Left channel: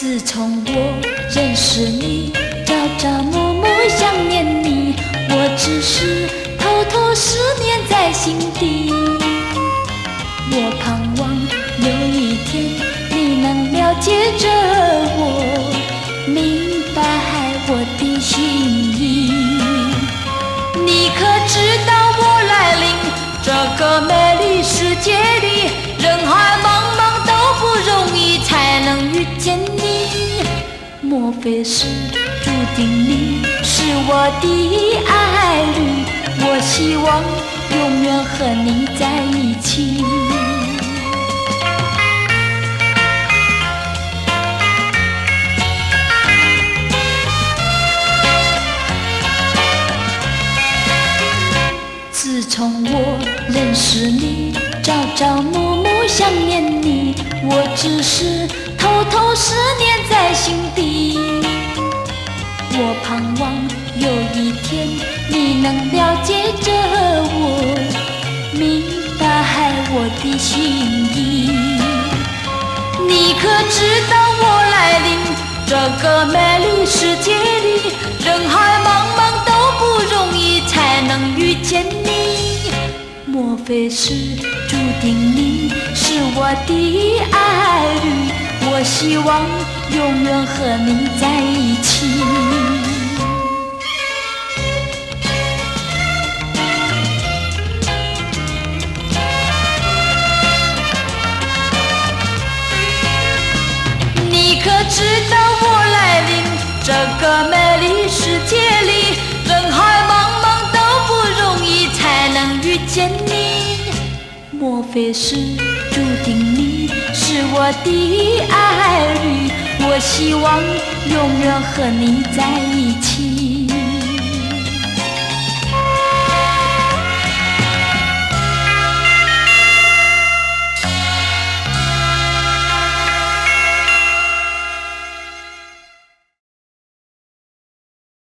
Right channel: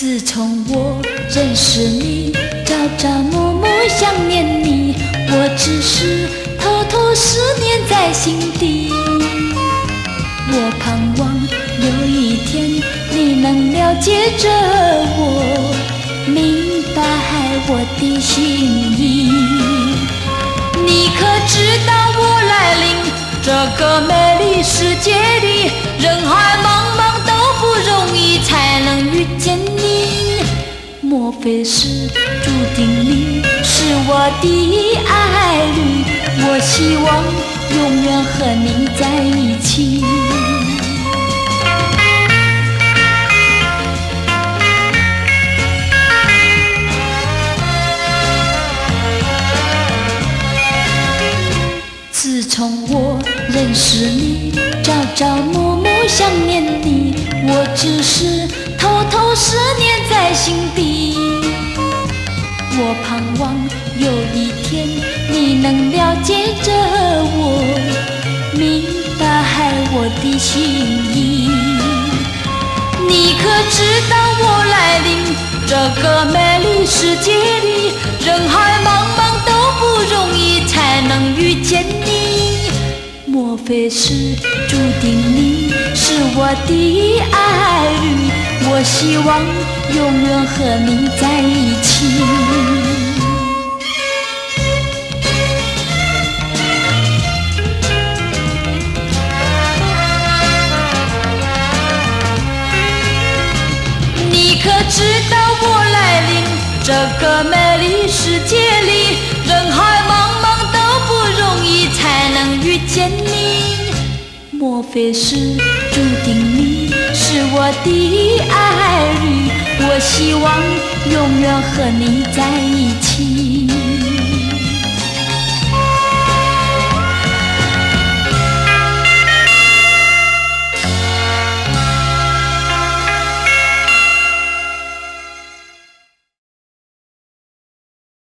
自从我认识你，朝朝暮暮想念你，我只是偷偷思念在心底。我盼望有一天你能了解着我，明白我的心意。你可知道我来临这个美丽世界里，人海茫茫都不容易才能遇见你。莫非是注定你是我的爱侣，我希望永远和你在一起。自从我认识你，朝朝暮暮想念你，我只是偷偷思念在心底。我盼望有一天你能了解着我，明白我的心意。你可知道我来临这个美丽世界里，人海茫茫都不容易才能遇见你。莫非是注定你是我的爱侣，我希望永远和你在一起。你可知道我来临这个美丽世界里，人海茫茫都不容易才能遇见你。莫非是注定你是我的爱侣，我希望永远和你在一起。